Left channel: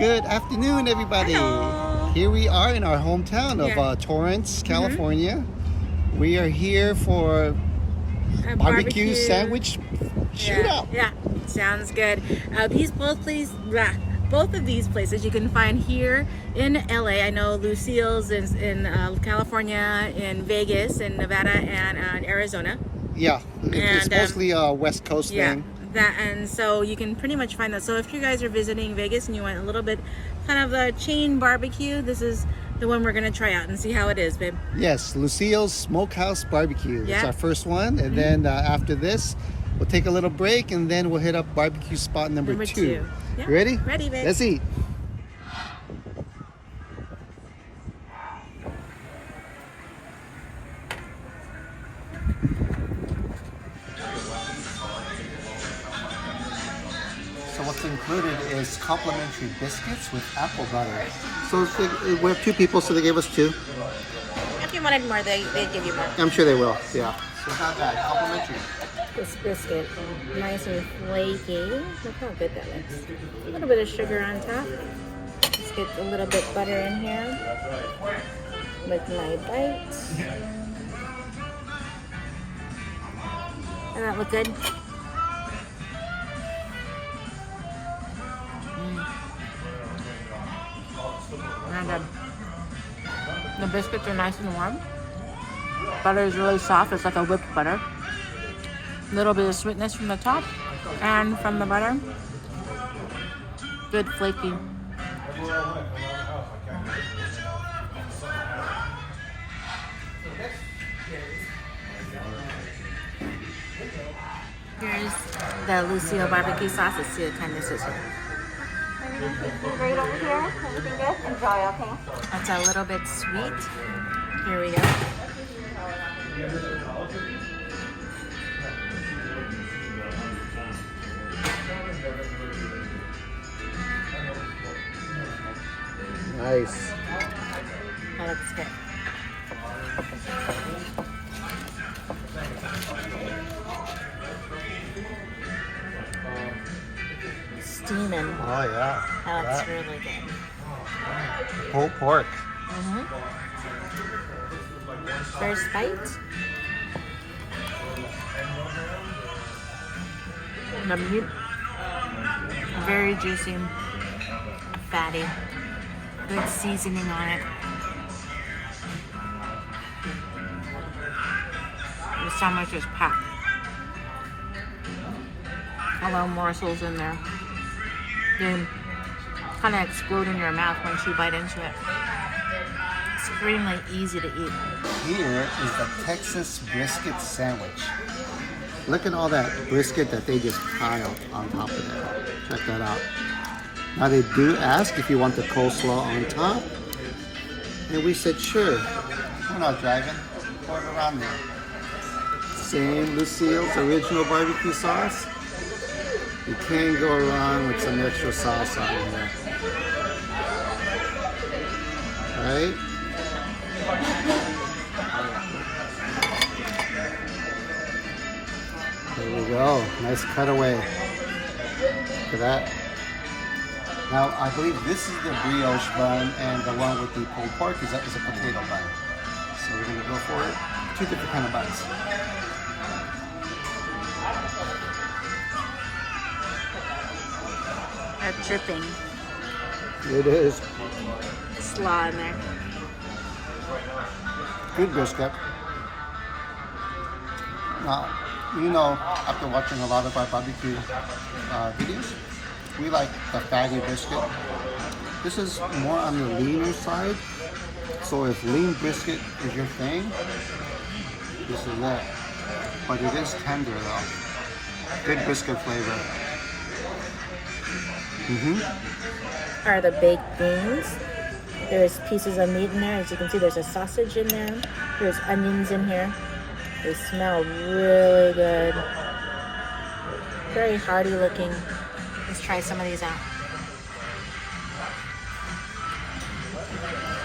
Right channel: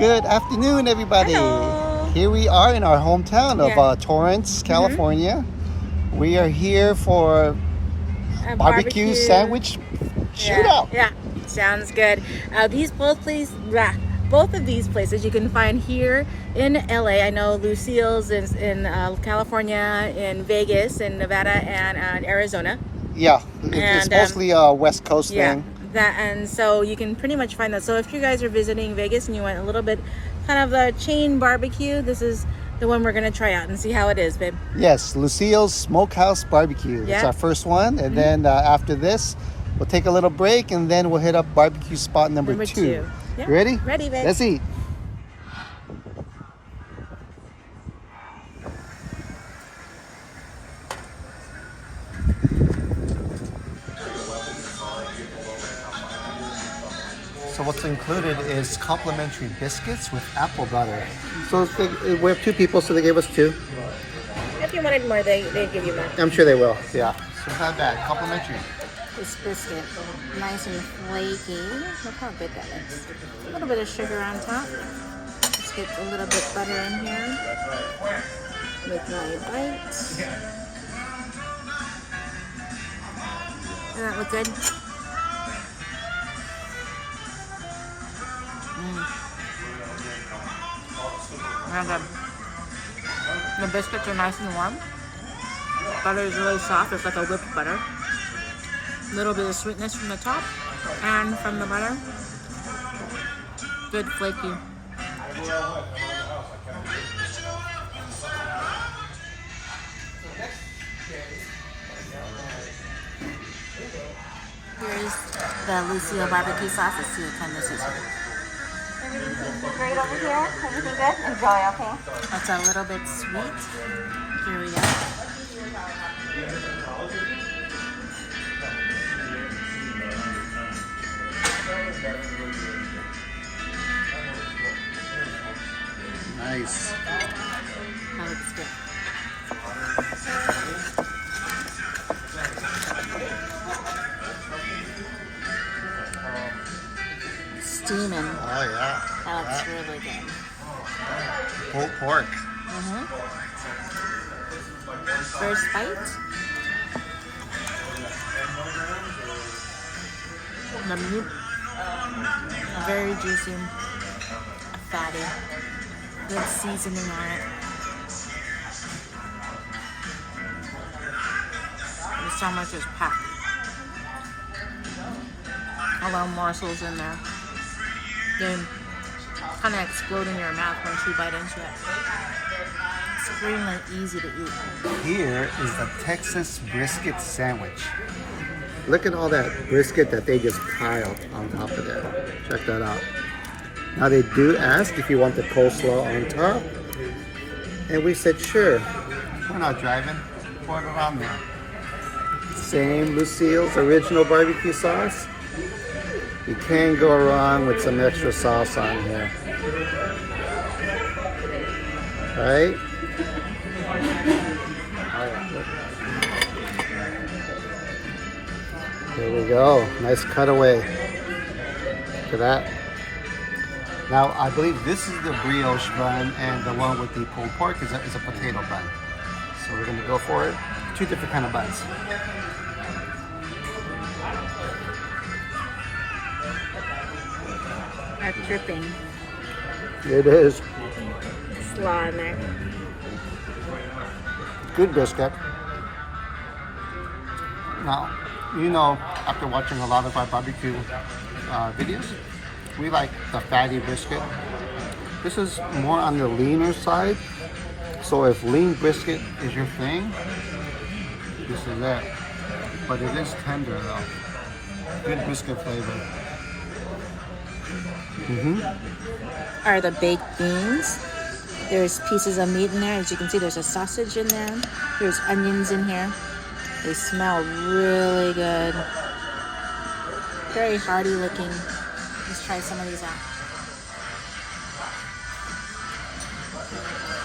Good afternoon, everybody. Hello. Here we are in our hometown of Torrance, California. We are here for A barbecue sandwich shootout. Yeah, sounds good. Both of these places you can find here in LA. I know Lucille's is in California, in Vegas, in Nevada, and Arizona. Yeah, it's mostly a West Coast thing. And so you can pretty much find that. So if you guys are visiting Vegas and you want a little bit kind of a chain barbecue, this is the one we're gonna try out and see how it is, babe. Yes, Lucille's Smokehouse Barbecue. Yeah. It's our first one, and then after this, we'll take a little break, and then we'll hit up barbecue spot number two. Yeah. Ready? Ready, babe. Let's eat. So what's included is complimentary biscuits with apple butter. So we have two people, so they gave us two. If you wanted more, they'd give you more. I'm sure they will, yeah. So it's not bad, complimentary. This biscuit, nice and flaky. Look how good that looks. A little bit of sugar on top. Let's get a little bit butter in here with my bites. Doesn't that look good? And the biscuits are nice and warm. Butter is really soft. It's like a whipped butter. A little bit of sweetness from the top and from the butter. Good flaky. Here's the Lucille barbecue sauce. Let's see what kind this is here. Everything's great over here. Everything good? Enjoy, okay? It's a little bit sweet. Here we go. Nice. That looks good. Steaming. Oh yeah. That looks really good. Pulled pork. First bite. The meat, very juicy, fatty, good seasoning on it. The sandwich is packed. A lot of morsels in there. They kind of explode in your mouth once you bite into it. Extremely easy to eat. Here is the Texas brisket sandwich. Look at all that brisket that they just piled on top of it. Check that out. Now they do ask if you want the coleslaw on top. And we said, sure. We're not driving. Pour it on there. Same Lucille's original barbecue sauce. You can't go wrong with some extra sauce on here. Right? There we go. Nice cutaway. Look at that. Now, I believe this is the brioche bun, and the one with the pulled pork is a potato bun. So we're going to go for it. Two different kind of buns. That's dripping. It is. Slaw in there. Good biscuit. Now, you know, after watching a lot of our barbecue videos, we like the fatty brisket. This is more on the leaner side. So if lean brisket is your thing, this is it. But it is tender though. Good brisket flavor. Are the baked beans. There's pieces of meat in there. As you can see, there's a sausage in there. There's onions in here. They smell really good. Very hearty looking. Let's try some of these out.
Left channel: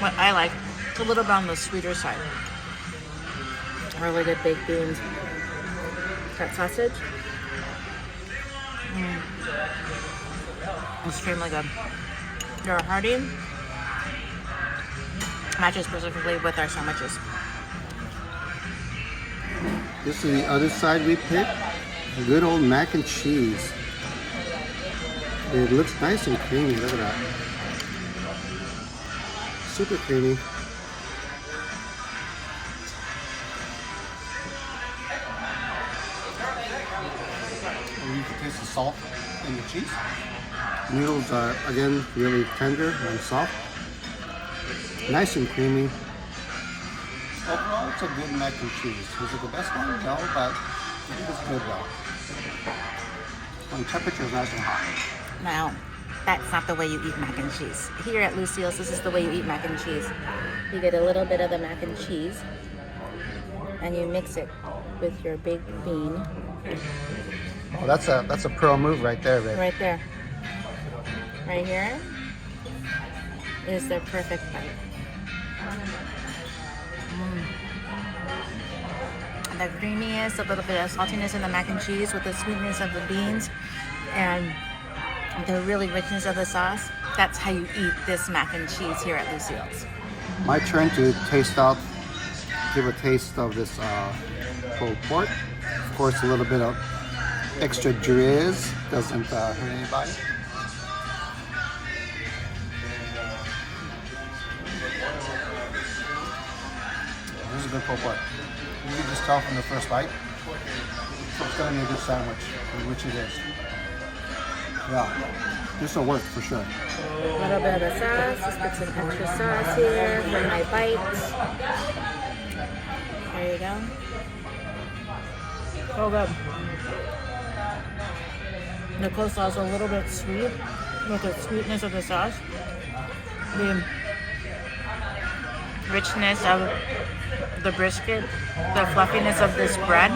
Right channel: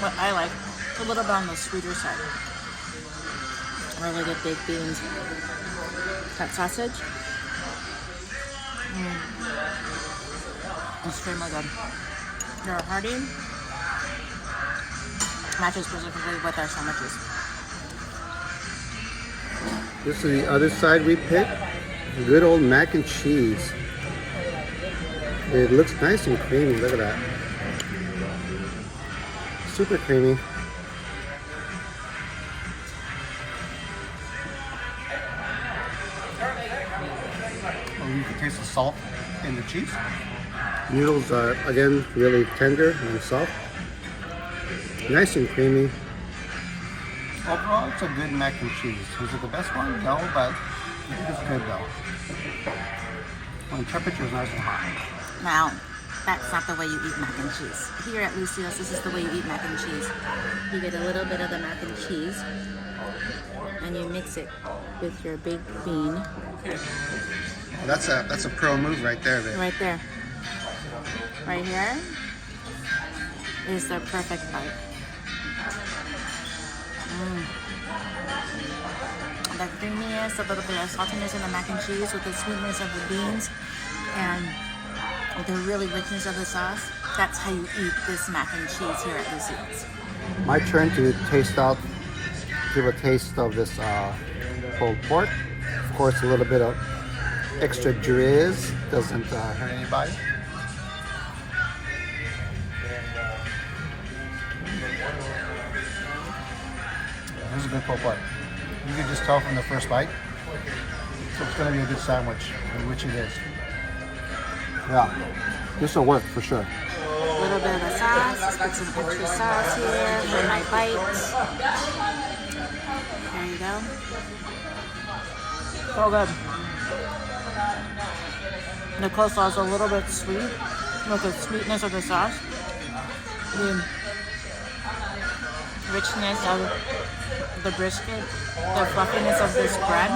What I like, it's a little bit on the sweeter side. Really good baked beans. That sausage. Extremely good. They're hearty. Matches specifically with our sandwiches. This is the other side we picked. Good old mac and cheese. It looks nice and creamy. Look at that. Super creamy. Oh, you can taste the salt in the cheese. Noodles are, again, really tender and soft. Nice and creamy. Overall, it's a good mac and cheese. Is it the best one? No, but I think it's good though. When temperature is nice and hot. Now, that's not the way you eat mac and cheese. Here at Lucille's, this is the way you eat mac and cheese. You get a little bit of the mac and cheese, and you mix it with your big bean. Oh, that's a pro move right there, babe. Right there. Right here is the perfect bite. The creaminess, a little bit of saltiness in the mac and cheese with the sweetness of the beans and the really richness of the sauce. That's how you eat this mac and cheese here at Lucille's. My turn to give a taste of this pulled pork. Of course, a little bit of extra drizz doesn't hurt anybody. This is a good pulled pork. You can just tell from the first bite. So it's going to be a good sandwich, which it is. Yeah, this will work for sure. A little bit of the sauce. Let's put some extra sauce here for my bites. There you go. So good. The coleslaw is a little bit sweet with the sweetness of the sauce. The richness of the brisket, the fluffiness of this bread.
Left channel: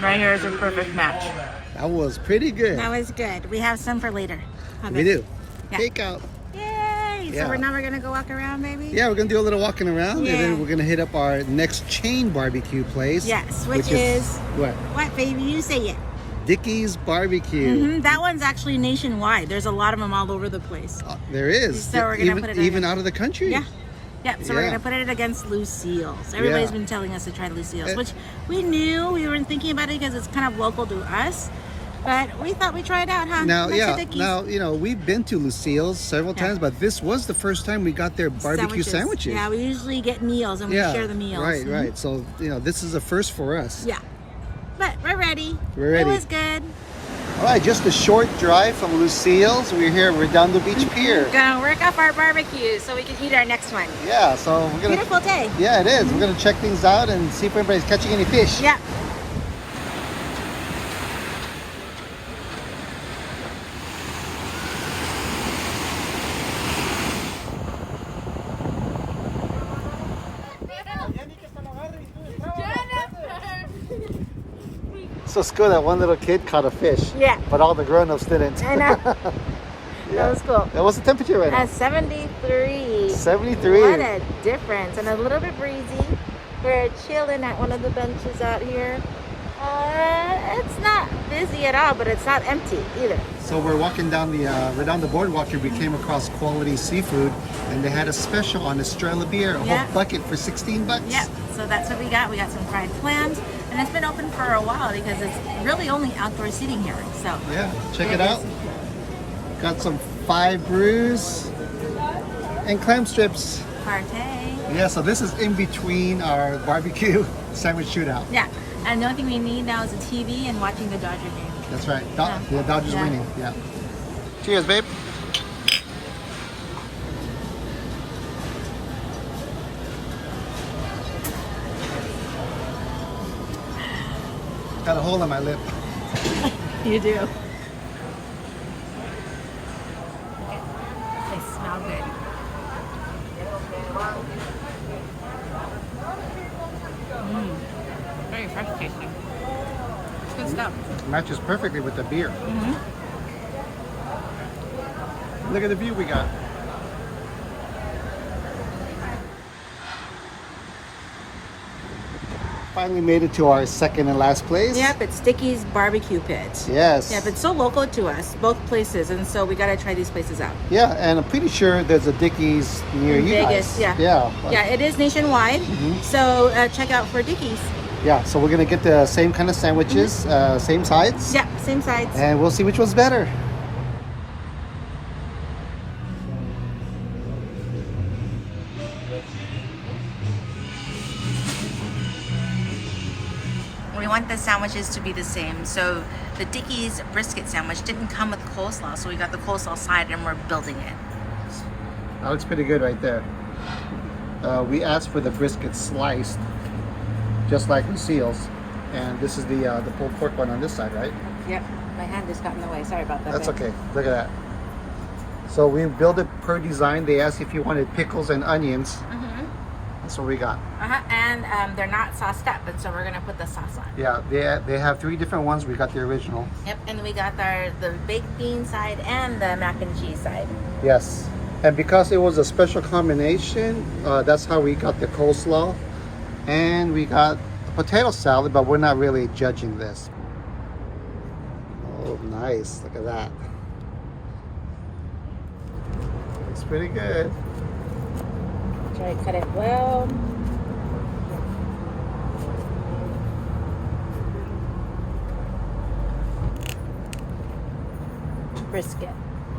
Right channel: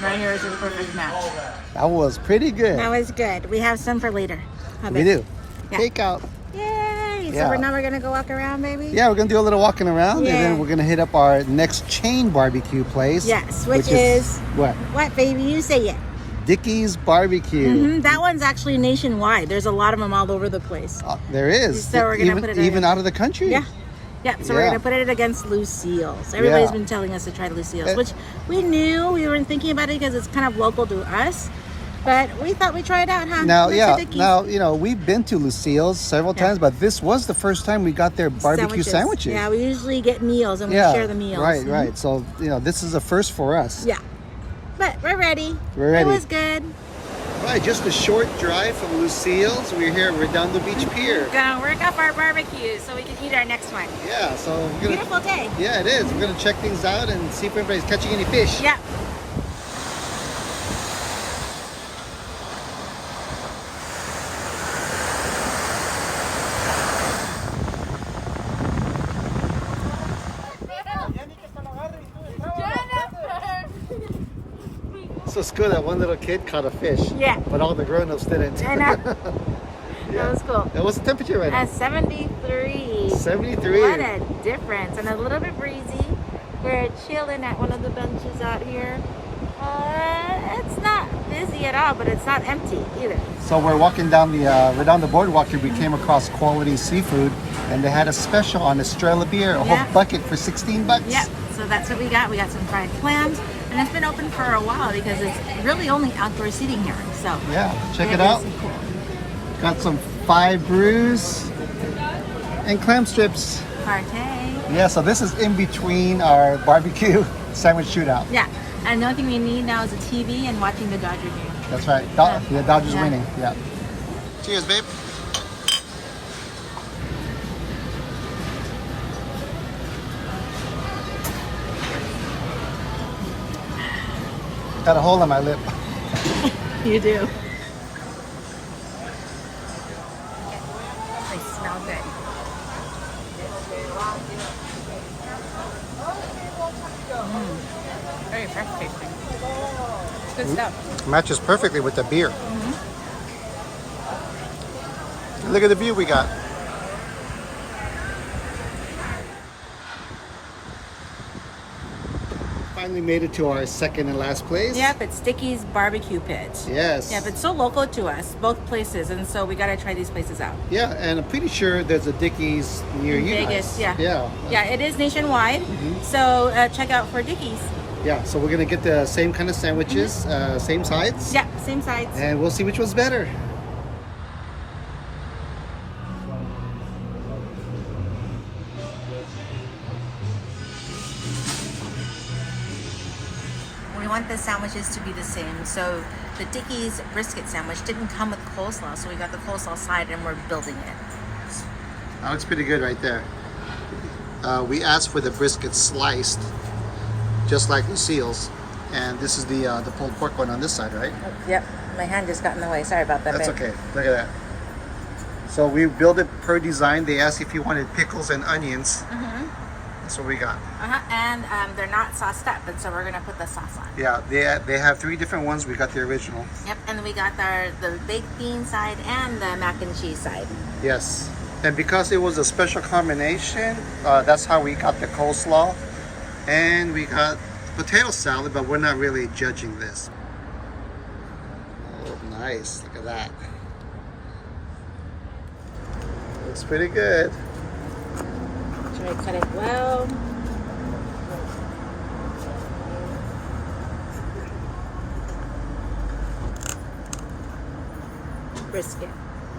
Right here is a perfect match. That was pretty good. That was good. We have some for later. We do. Yeah. Takeout. Yay! Yeah. So we're gonna go walk around, baby? Yeah, we're gonna do a little walking around, Yeah. and then we're gonna hit up our next chain barbecue place. Yes, which is what? What, baby? You say it. Dickey's Barbecue. That one's actually nationwide. There's a lot of them all over the place. There is. So we're gonna put it even in. out of the country. Yeah. Yeah, so we're Yeah. gonna put it against Lucille's. Everybody's been telling us to try Lucille's, which we knew. We weren't thinking about it because it's kind of local to us. But we thought we'd try it out, huh? Now, Next to Dickey's. now, we've been to Lucille's several times, but this was the first time we got their barbecue sandwiches. Yeah, we usually get meals and we share the meals. Right, right. So, this is a first for us. Yeah. But we're ready. We're ready. It was good. All right, just a short drive from Lucille's. We're here at Redondo Beach Pier. Gonna work up our barbecue so we can eat our next one. Yeah, so we're gonna. Beautiful day. Yeah, it is. We're gonna check things out and see if anybody's catching any fish. Yeah. So it's good that one little kid caught a fish. Yeah. But all the grown-ups didn't. I know. Yeah. That was cool. What's the temperature right now? At 73. 73. What a difference. And a little bit breezy. We're chilling at one of the benches out here. It's not busy at all, but it's not empty either. So we're walking down the Redondo Boardwalk here. We came across Quality Seafood, and they had a special on Estrella beer, a whole bucket for $16. Yep. So that's what we got. We got some fried clams. And it's been open for a while because it's really only outdoor seating here. So yeah, check it out. Got some 5 brews and clam strips. Partay. Yeah, so this is in between our barbecue sandwich shootout. Yeah. And the only thing we need now is a TV and watching the Dodger game. That's right. Dodgers winning. Yeah. Cheers, babe. Got a hole in my lip. You do. They smell good. Very fresh tasting. It's good stuff. Matches perfectly with the beer. Look at the view we got. finally made it to our second and last place. Yep, it's Dickey's Barbecue Pit. Yes. Yep, it's so local to us, both places, and so we gotta try these places out. Yeah, and I'm pretty sure there's a Dickey's near In you Vegas, guys. yeah. Yeah. Yeah, it is nationwide, so check out for Dickey's. Yeah, so we're gonna get the same kind of sandwiches, same sides. Yeah, same sides. And we'll see which one's better. We want the sandwiches to be the same. So the Dickey's brisket sandwich didn't come with coleslaw, so we got the coleslaw side and we're building it. That looks pretty good right there. We asked for the brisket sliced, just like Lucille's. And this is the pulled pork one on this side, right? Yep, my hand just got in the way. Sorry about that. That's babe. okay. Look at that. So we built it per design. They asked if you wanted pickles and onions. That's what we got. And they're not sauced up, and so we're gonna put the sauce on. Yeah, they have 3 different ones. We got the original. Yep, and we got the baked bean side and the mac and cheese side. Yes. And because it was a special combination, that's how we got the coleslaw. And we got potato salad, but we're not really judging this. Oh, nice. Look at that. Looks pretty good. Try to cut it well. Brisket.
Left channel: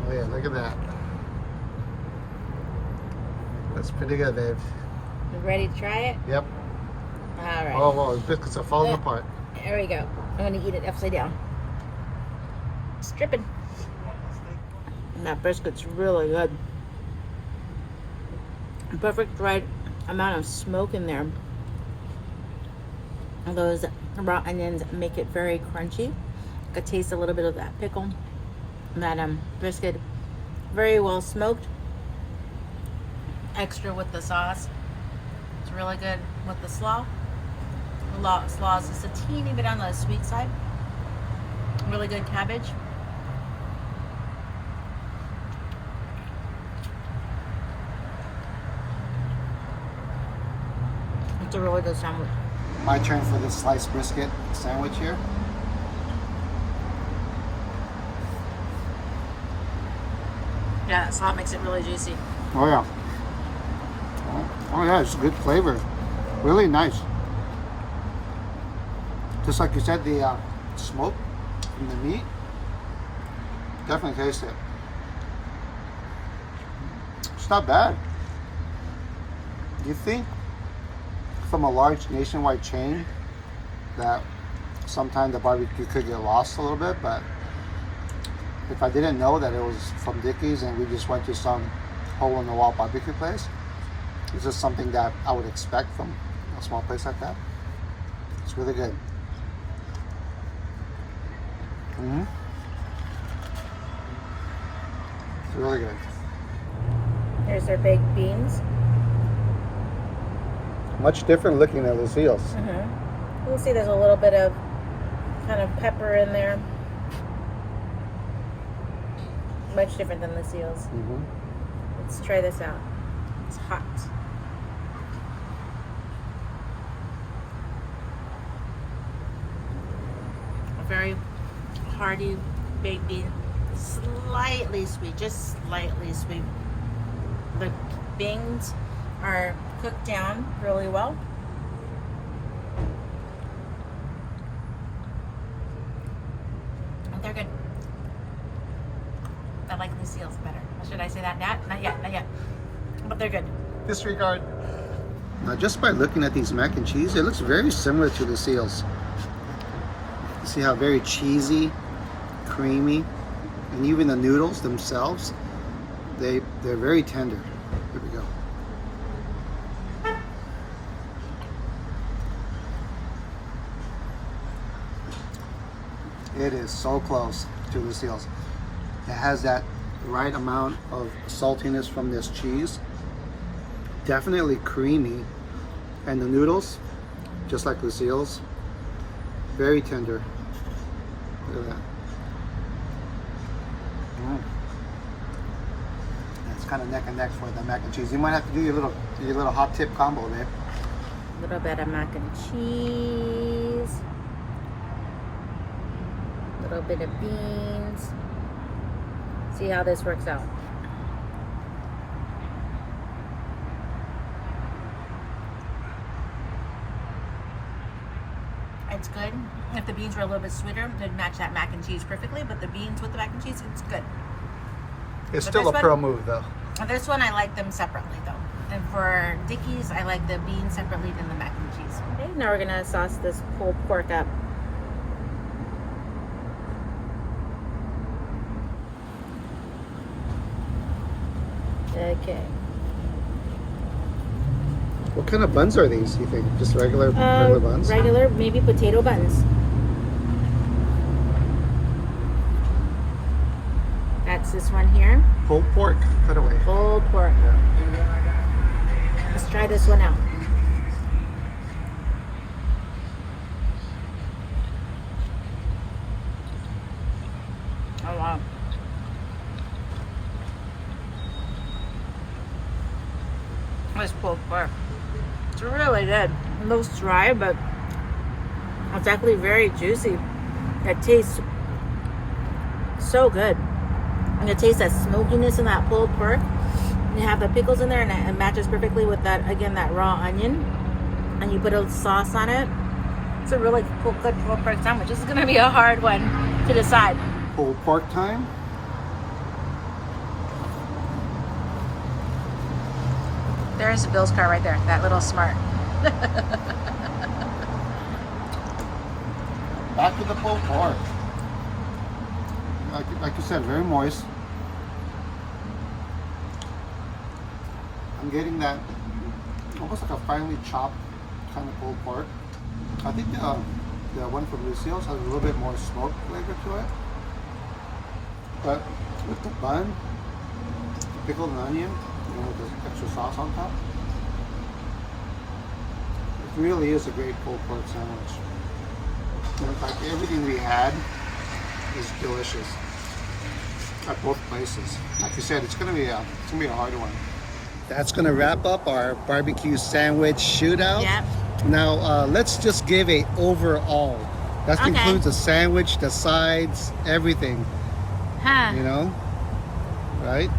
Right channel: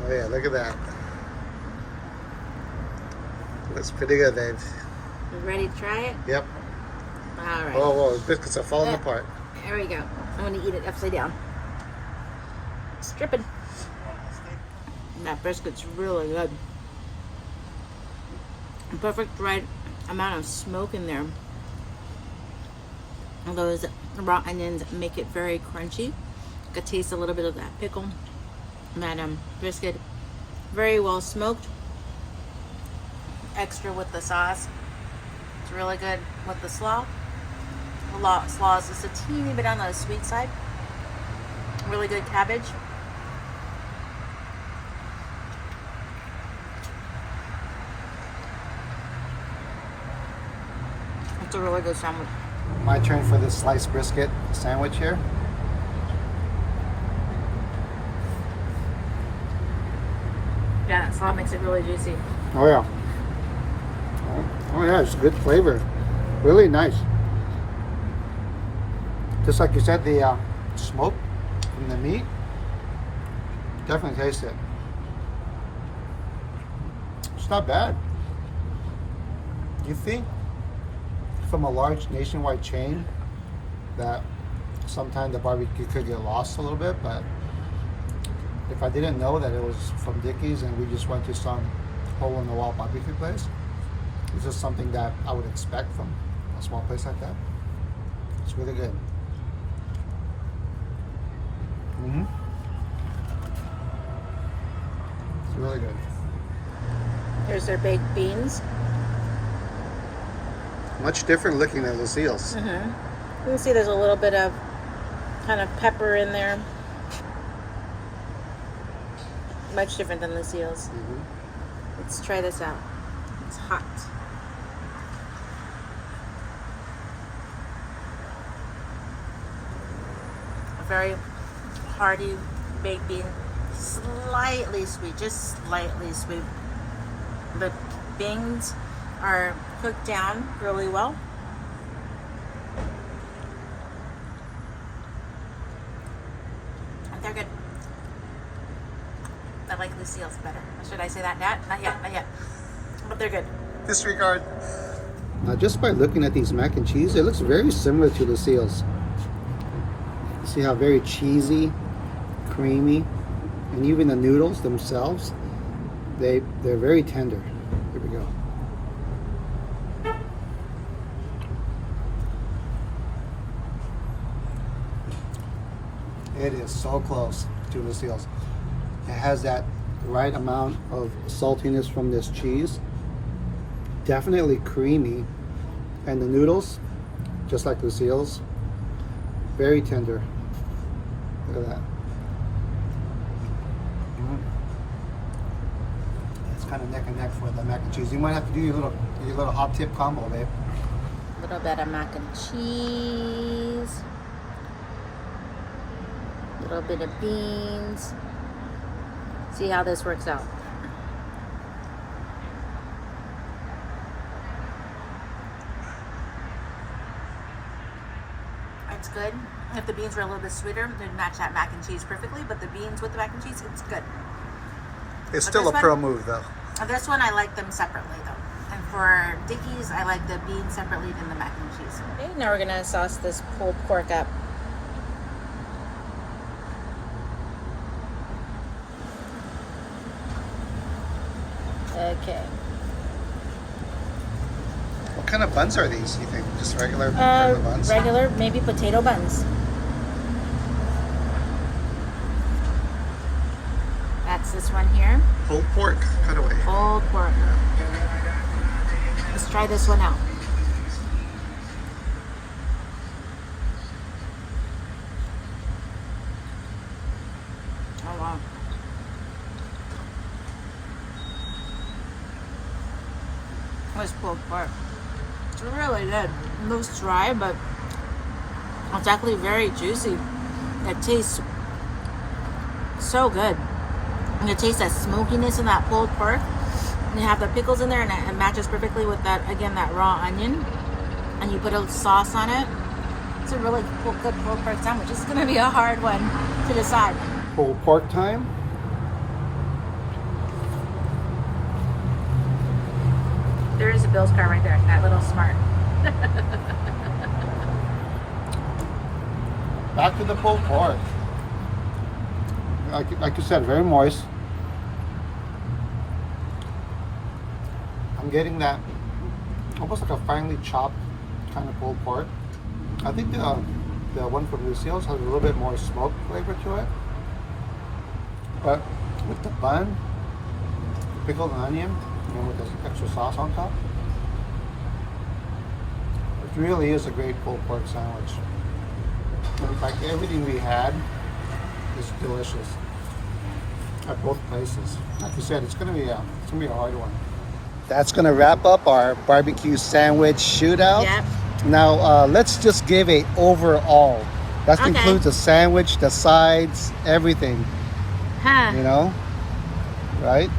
Oh yeah, look at that. Looks pretty good, babe. You ready to try it? Yep. All right. Oh, whoa, the biscuits are falling apart. There we go. I'm gonna eat it upside down. It's dripping. And that brisket's really good. Perfect right amount of smoke in there. And those raw onions make it very crunchy. I could taste a little bit of that pickle. And that brisket, very well smoked. Extra with the sauce. It's really good with the slaw. The slaw is just a teeny bit on the sweet side. Really good cabbage. It's a really good sandwich. My turn for this sliced brisket sandwich here. Yeah, that salt makes it really juicy. Oh yeah. Oh yeah, it's a good flavor. Really nice. Just like you said, the smoke from the meat. Definitely taste it. It's not bad. You think from a large nationwide chain that sometimes the barbecue could get lost a little bit, but if I didn't know that it was from Dickey's and we just went to some hole-in-the-wall barbecue place, it's just something that I would expect from a small place like that. It's really good. It's really good. Here's their baked beans. Much different looking than Lucille's. You can see there's a little bit of kind of pepper in there. Much different than Lucille's. Let's try this out. It's hot. A very hearty baked bean. Slightly sweet, just slightly sweet. The beans are cooked down really well. And they're good. I like Lucille's better. Or should I say that? Not yet. But they're good. Disregard. Now, just by looking at these mac and cheese, it looks very similar to Lucille's. You see how very cheesy, creamy, and even the noodles themselves, they're very tender. Here we go. It is so close to Lucille's. It has that right amount of saltiness from this cheese. Definitely creamy. And the noodles, just like Lucille's, very tender. Look at that. It's kind of neck and neck for the mac and cheese. You might have to do your little hot tip combo, babe. little bit of mac and cheese. A little bit of beans. See how this works out. It's good. If the beans were a little bit sweeter, it'd match that mac and cheese perfectly, but the beans with the mac and cheese, it's good. It's But still this a pro one- move though. This one, I like them separately though. And for Dickey's, I like the beans separately than the mac and cheese. Okay, now we're gonna sauce this pulled pork up. Okay. What kind of buns are these, you think? Just regular buns? Regular, maybe potato buns. That's this one here. Pulled pork cutaway. Pulled pork. Yeah. Let's try this one out. Oh wow. This pulled pork. It's really good. It looks dry, but it's actually very juicy. It tastes so good. And you taste that smokiness in that pulled pork. And you have the pickles in there, and it matches perfectly with that, again, that raw onion. And you put a sauce on it. It's a really good pulled pork sandwich. This is going to be a hard one to decide. Pulled pork time. There is a Bill's car right there. That little smart. Back to the pulled pork. Like you said, very moist. I'm getting that almost like a finely chopped kind of pulled pork. I think the one from Lucille's has a little bit more smoke flavor to it. But with the bun, the pickled onion, and with the extra sauce on top, it really is a great pulled pork sandwich. In fact, everything we had is delicious at both places. Like you said, it's gonna be a hard one. That's gonna wrap up our barbecue sandwich shootout. Yep. Now let's just give a overall. That Okay. includes the sandwich, the sides, everything. Huh. You know, right?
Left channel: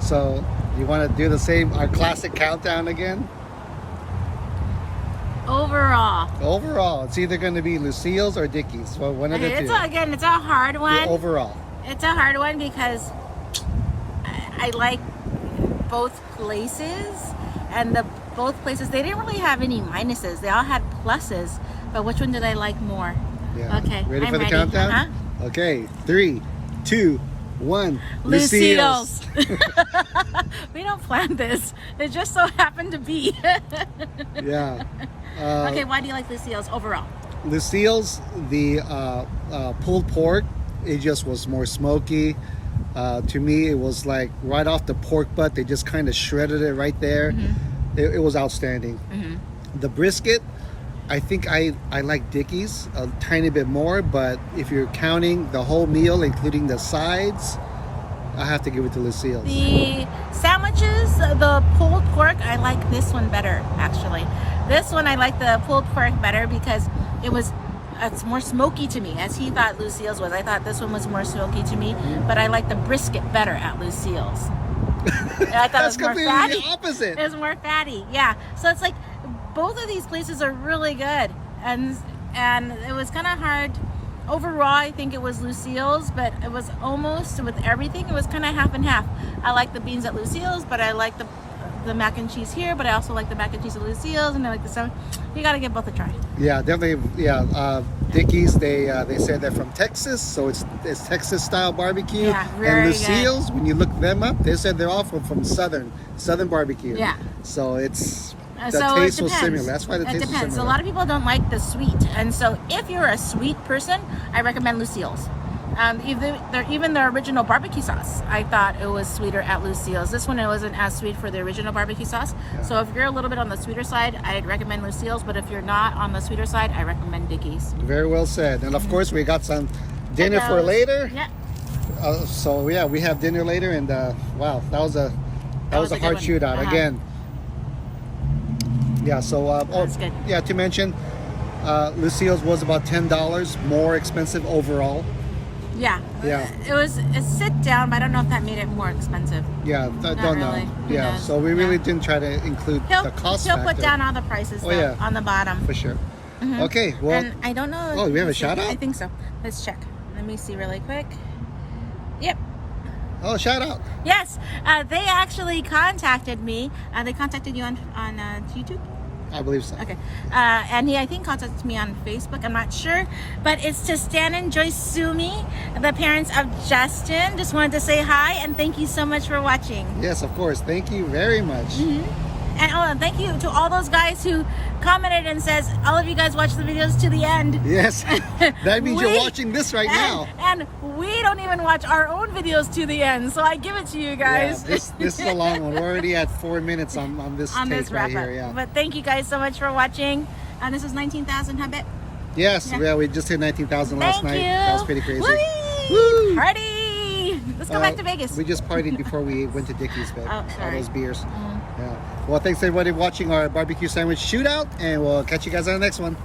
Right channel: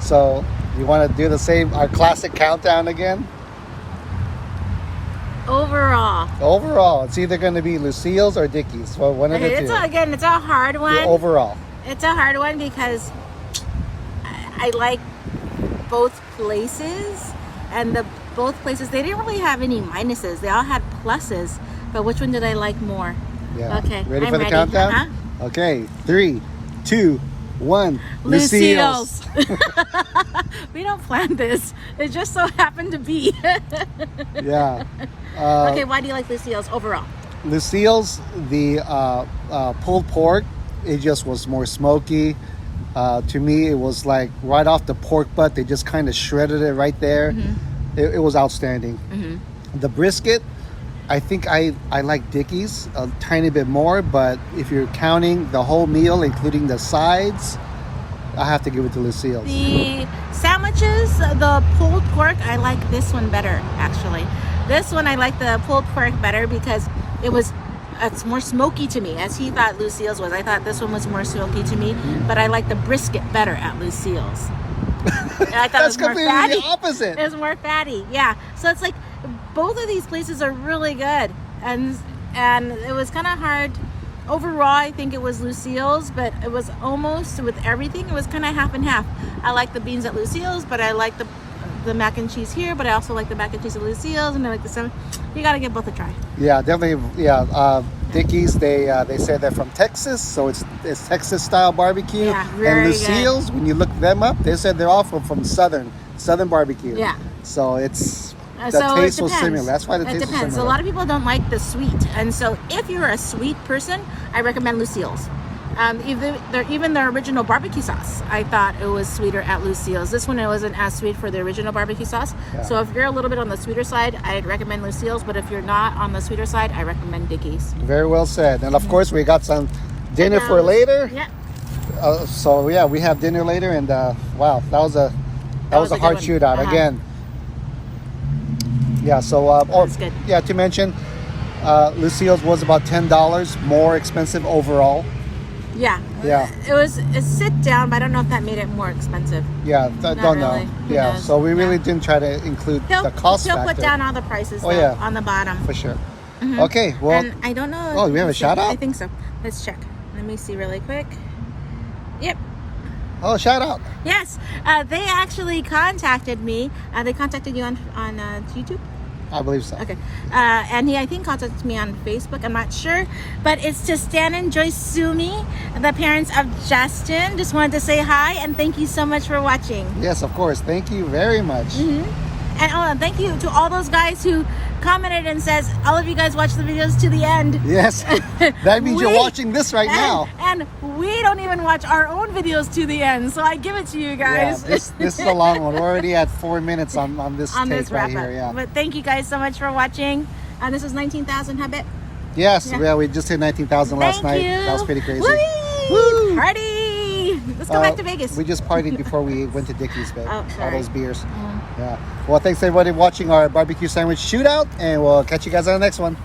So you want to do the same, our classic countdown again? Overall, it's either going to be Lucille's or Dickey's. So one of the two. It's a hard The one. overall. It's a hard one because I like both places, and both places, they didn't really have any minuses. They all had pluses. But which one did I like more? Yeah. Okay. Ready I'm for the countdown? Uh-huh. Okay. 3, 2, 1. Lucille's. We don't plan this. It just so happened to be. Yeah. Okay, why do you like Lucille's overall? Lucille's, the pulled pork, it just was more smoky. To me, it was like right off the pork butt. They just kind of shredded it right there. Mm-hmm. It was outstanding. Mm-hmm. The brisket, I think I like Dickey's a tiny bit more, but if you're counting the whole meal, including the sides, I have to give it to Lucille's. The sandwiches, the pulled pork, I like this one better, actually. This one, I like the pulled pork better because it's more smoky to me, as he thought Lucille's was. I thought this one was more smoky to me, but I like the brisket better at Lucille's. I thought That's it was more completely fatty. the opposite. It's more fatty, yeah. So it's like both of these places are really good, and it was kind of hard. Overall, I think it was Lucille's, but it was almost with everything. It was kind of half and half. I like the beans at Lucille's, but I like the mac and cheese here. But I also like the mac and cheese at Lucille's, and I like the salad. You gotta give both a try. Yeah, definitely. Yeah, Dickey's. They say they're from Texas, so it's Texas style barbecue. Yeah, and very Lucille's, when you look them up, they said they're all from Southern barbecue. Yeah. So it's the So taste it was depends. similar. That's why the It taste was depends. So a similar. lot of people don't like the sweet, and so if you're a sweet person, I recommend Lucille's. Even their original barbecue sauce, I thought it was sweeter at Lucille's. This one, it wasn't as sweet for the original barbecue sauce. Yeah. So if you're a little bit on the sweeter side, I'd recommend Lucille's. But if you're not on the sweeter side, I recommend Dickey's. Very well said. And of course, we got some dinner for later. Yeah. So yeah, we have dinner later, and wow, that was a hard good one. shootout again. Yeah. So That's good. yeah, to mention, Lucille's was about $10 more expensive overall. Yeah. Yeah. It was a sit down, but I don't know if that made it more expensive. Yeah, don't know. really. Who Yeah, knows? so we really Yeah. didn't try to include the cost He'll factor. put down all the prices Oh, though, yeah. on the bottom. For sure. Okay, well, And I don't know. Oh, if- we have a let's see. shout out? I think so. Let's check. Let me see really quick. Yep. oh, shout out. Yes. They actually contacted me. They contacted you on YouTube? I believe so. Okay. And he, I think, contacted me on Facebook. I'm not sure. But it's to Stan and Joyce Sumi, the parents of Justin. Just wanted to say hi and thank you so much for watching. Yes, of course. Thank you very much. And thank you to all those guys who commented and says, all of you guys watch the videos to the end. Yes, that means you're We- watching this right now. And we don't even watch our own videos to the end. So I give it to you guys. Yeah, this is a long one. We're already at 4 minutes on this on tape this right wrap here. up. Yeah. But thank you guys so much for watching. This is 19,000 habit. Yes, yeah, we just hit 19,000 last Thank night. you. That was pretty crazy. Whee! Woo! Party! Let's go back to Vegas. We just partied before we went to Dickey's, babe. Oh, All sorry. those beers. Yeah. Well, thanks everybody watching our barbecue sandwich shootout, and we'll catch you guys on the next one.